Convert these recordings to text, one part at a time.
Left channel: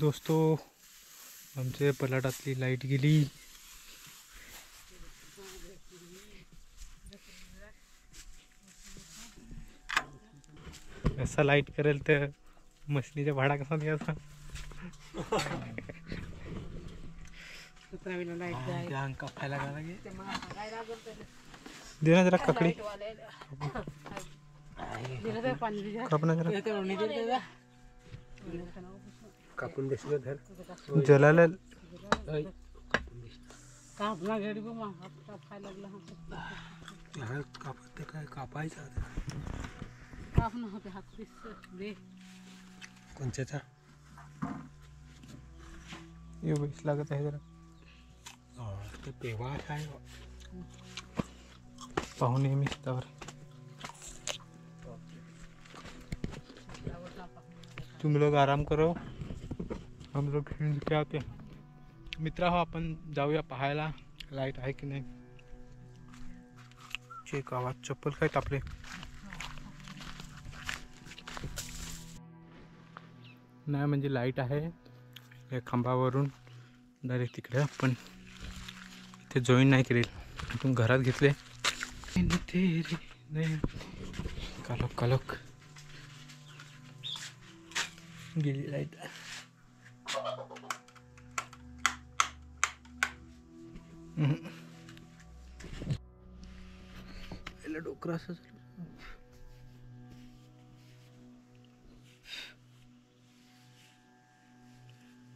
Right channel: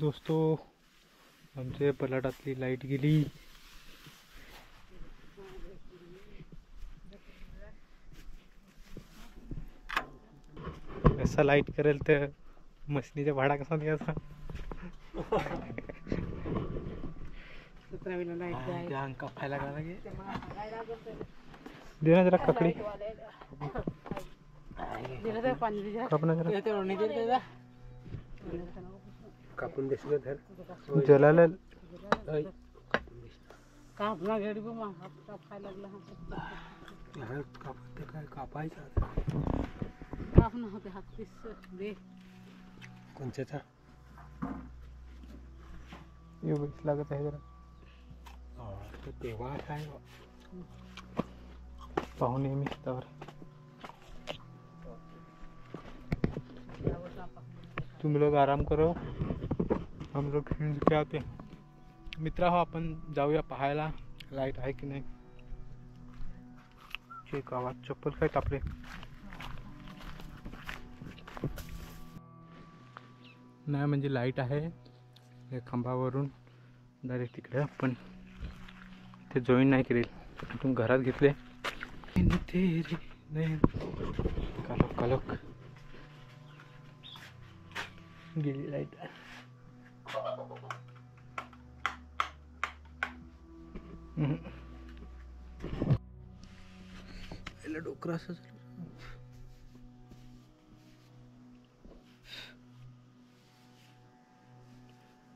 दोस्तों आमच्या पलाटातली लाईट गेली. असा लाईट करेल तर मशीनीचा भाडा कसा द्यायचा. अंका खायला का लागे दे ना जरा ककडी कापून देशील धर जलाला कापला घरी बघ मग कापायला लागला हा कापते काय कापायचा काप ना होते हात पीस दे कोणच्याचा ये बेस लागत आहे जरा ते पेवा आहे पाहू नेहमी त्यावर. तुम लोग आराम करो हम लोग फिल्म के आते हैं. मित्रा हो आपण जाऊया पाहायला लाईट आहे की नाही. चेक आवाज चप्पल काय तापले. नाही म्हणजे लाईट आहे या खांबावरून डायरेक्ट तिकडे पण इथे जॉईन नाही करेल. इथून घरात घेतले कालोख कालोख गेली लाईट. डोकरा असं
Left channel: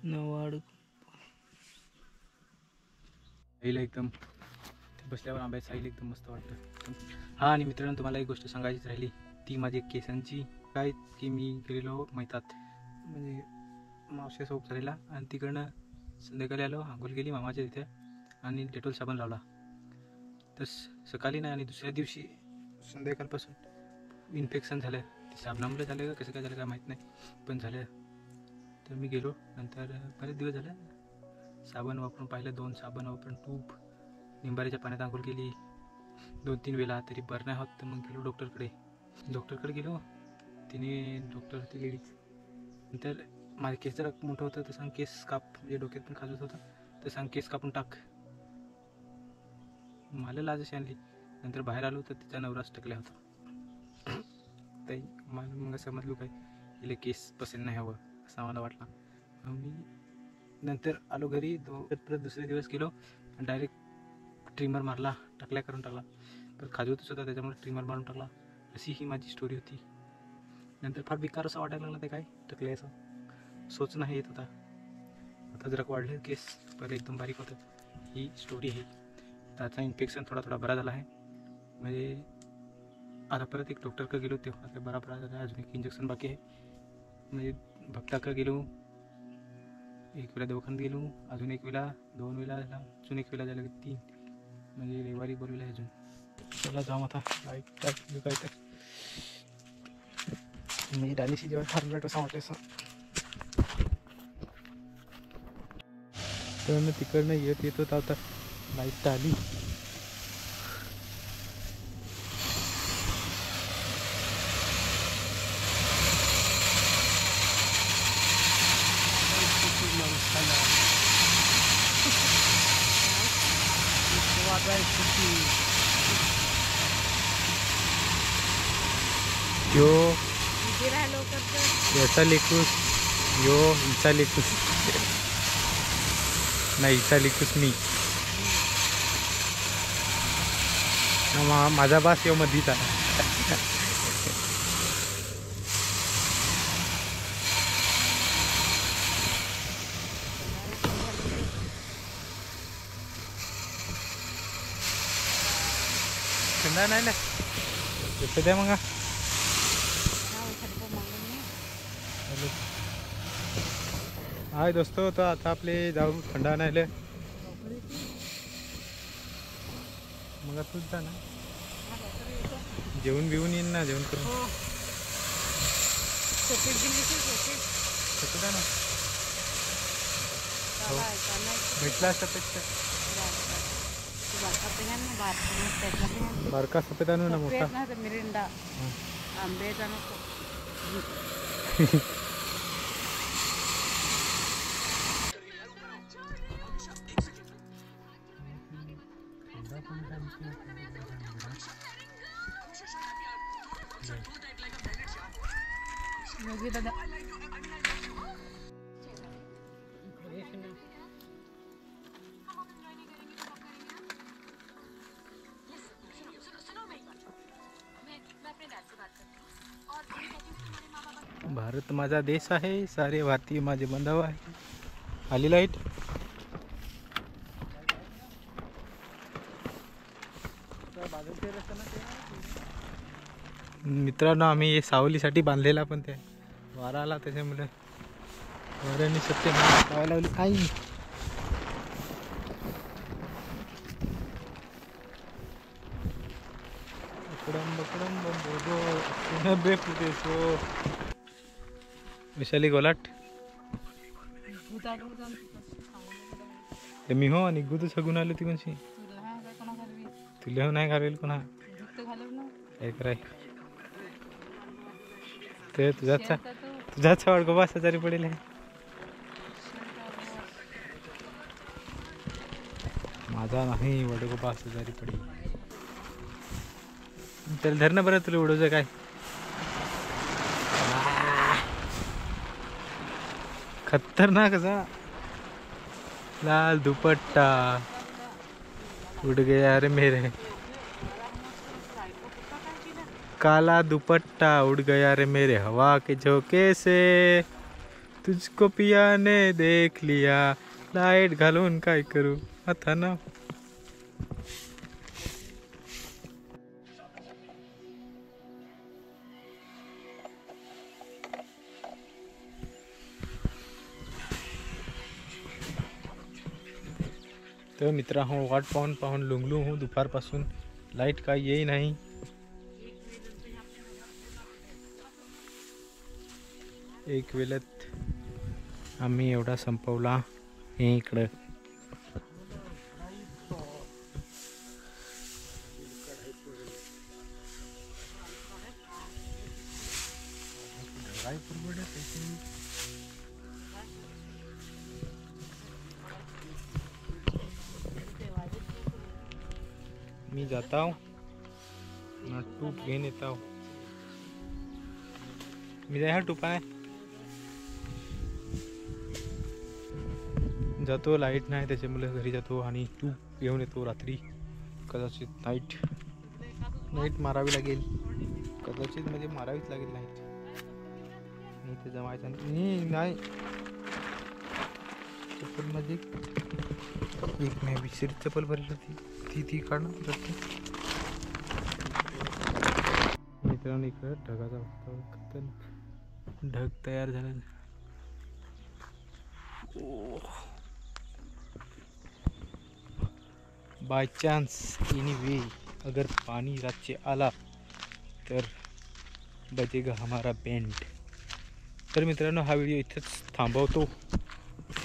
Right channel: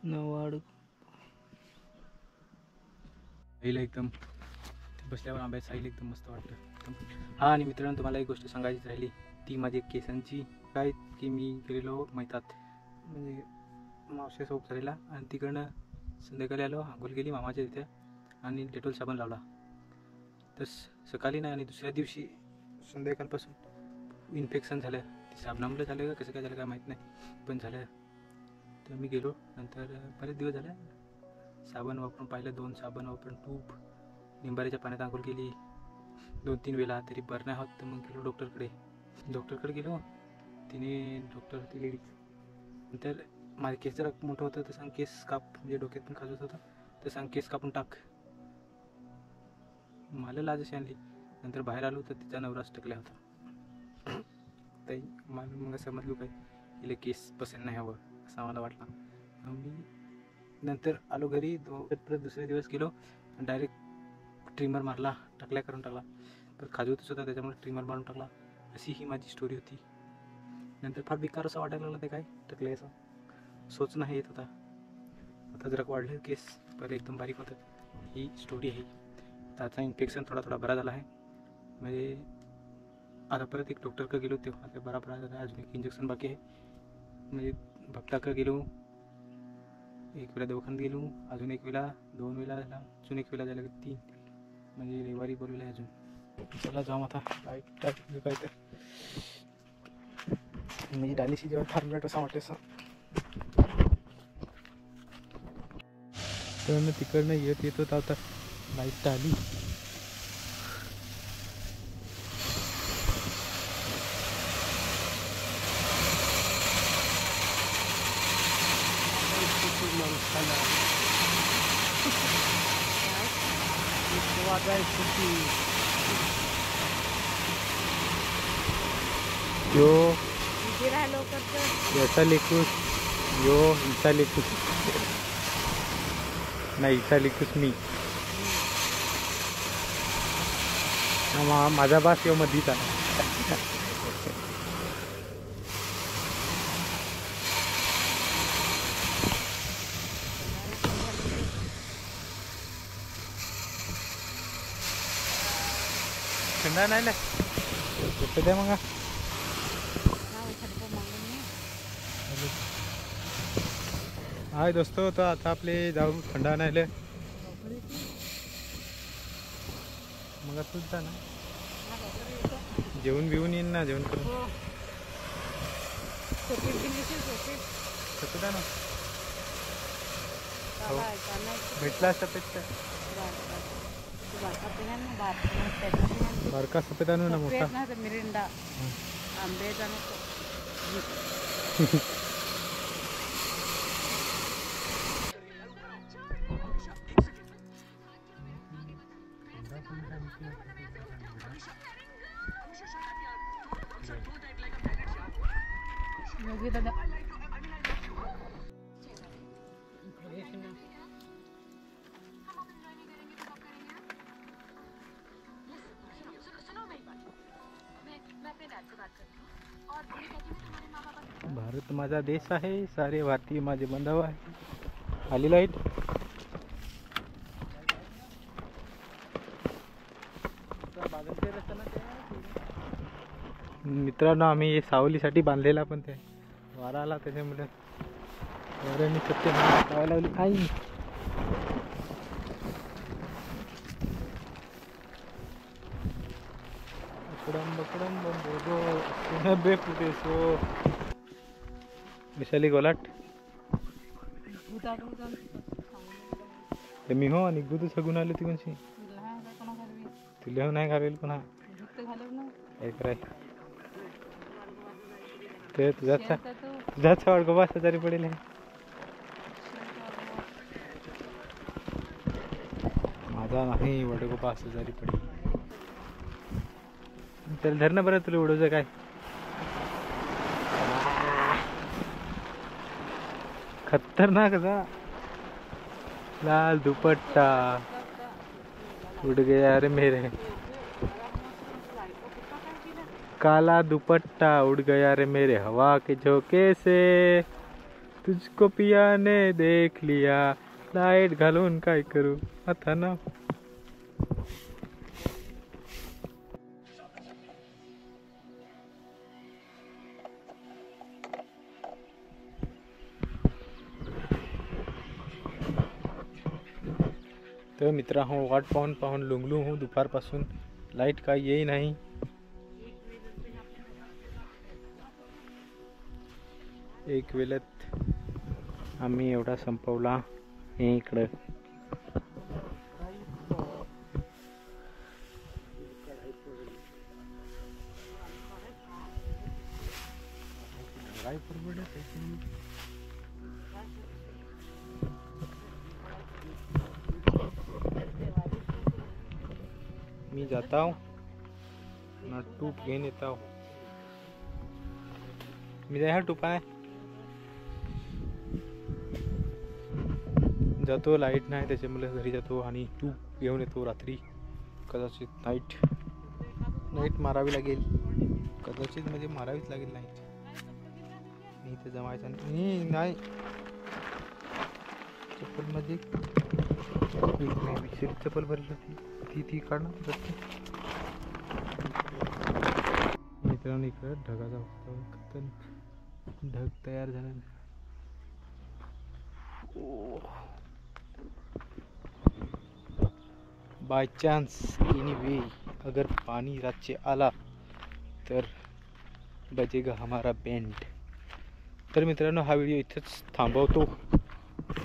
नवाड साईला एकदम बसल्यावर आंब्याची साईल एकदम मस्त वाटतं. हा आणि मित्रांनो तुम्हाला एक गोष्ट सांगायचीच राहिली ती माझी केसांची काय की मी गेलेलो मैतात म्हणजे मावशीसोबत झालेला आणि तिकडनं संध्याकाळी आलो आंघोळ गेली मामाच्या तिथे आणि डेटॉल साबण लावला तर सकाळी नाही आणि दुसऱ्या दिवशी संध्याकाळपासून इन्फेक्शन झालं. ते साबणामुळे झालं का कसं काय झालं काय माहीत नाही पण झालं. तर मी गेलो नंतर बरेच दिवस झाले साबण वापरून पाहिलं 2 साबण वापरून तूप निंबाऱ्याच्या पाण्यात आंघोळ केली 2-3 वेळा तरी बरं नाही होत. तर मग गेलो डॉक्टरकडे गेलो. तिने डॉक्टर ती लेडीज नंतर माझे केस जरा मोठं होतं तर सांग केस काप म्हणजे डोक्यात पण खाजत होतं तर सांग केस कापून टाक. मला लाज अशी आणली. नंतर बाहेर आलो तर तिचा नवराच टकला होता. तर मला मग समजलो काय हिला केस पसंत नाही हवं असं मला वाटला. मी नंतर आलो घरी परत दुसऱ्या दिवस गेलो डायरेक्ट ट्रिमर मारला टकल्या करून टाकला. पण खाजवतच होता त्याच्यामुळे ट्रिमर मारून टाकला. अशी ही माझी स्टोरी होती. नंतर फार बेकार असं वाटायला लागलं ते काय टकले असं सोच नाही येत होता. आता जरा वाढले केस पहिले एकदम बारीक होतं. ही स्टोरी आहे. त्याचा इन्फेक्शन थोडा बरा झाला आहे म्हणजे आता परत एक डॉक्टरकडे गेलो तेव्हा ते बरा झाला. अजून एक इंजेक्शन बाकी आहे म्हणजे भक्ताकडे गेलो 1 वेळा दवाखान्यात गेलो अजून 1 वेळा 2 वेळा झाला अजून 1 वेळा झाला 3 म्हणजे रविवारी बोलवलं आहे अजून. चला जाऊ आता लाईट टाकली काय तर मी डालीशी जेव्हा ठरलं कसं वाटतं असं. तर तिकडनं येत होता आता लाईट आली. यो याचा लेकूस यो हिचा लेकूस नाही हिचा लेकूस मी माझा बास यो मधीचा. थंडा नाही ना कसं द्या मग हाय दोस्तों. तो आता आपले जाऊ थंडा नाही मग तूच जा ना जेवण बिवून येईन ना जेवण करून कसं द्या ना भेटला सफेद बारका सफेद आणू ना मोठा मिरिंडा आंब्याचा नको योगी दादा इकडे हे ना. भारत माझा देश आहे, सारे भारतीय माझे बांधव आहे. आली लाईट. मित्रांनो, आम्ही हे सावलीसाठी बांधलेला, पण ते वारा आला त्याच्यामुळे वाऱ्याने सत्य लावायला लावली. आई विशाली गोलाट मी हो आणि गुद सगून आलो ती कोणशी तुला नाही घालेल कोणा काय कराय ते तुझाच वाढ बास तरी पडेल. माझा नाही वडगो 5,000 पडेल. चल धर ना बरं, तुला उडवचं काय. खतरनाक असा लाल दुपट्टा उड़ गया रे मेरे, काला दुपट्टा उड़ गया रे मेरे हवा के झोंके से, तुझको पिया ने देख लिया. लाईट घालून काय करू आता ना. तर मित्रा हो वाट पाहून पाहून लुंगलू हूँ दुपारपासून. लाईट काय येई नाही. एक वेळेत आम्ही एवढा संपवला. हे इकडं मी जाता हूँ ना टूप घेऊन येता हूँ. मी जाय हा टूप आहे जातो. लाईट नाही त्याच्यामुळे घरी जातो आणि टूप घेऊन येतो. रात्री कदाचित नाईट मारावी लागेल. कदाचित म्हणजे मारावीच लागेल नाईट. मी इथे जमायचं नाही. चप्पल मध्ये एक मी विसर चप्पल भरली होती ती काढणार. मित्रांनो इकडं ढगाचा ढग तयार झाला. बाय चान्स एनीवे अगर पाणी रातचे आला तर बजेगा हमारा बैंड. तर मित्रांनो हा व्हिडिओ इथेच थांबवतो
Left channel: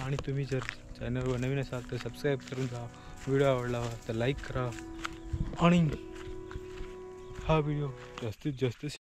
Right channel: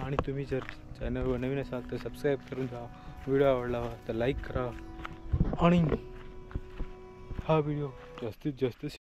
आणि तुम्ही जर चॅनलवर नवीन असाल तर सबस्क्राईब करून जा. व्हिडिओ आवडला तर लाईक करा आणि हा व्हिडिओ जास्तीत जास्त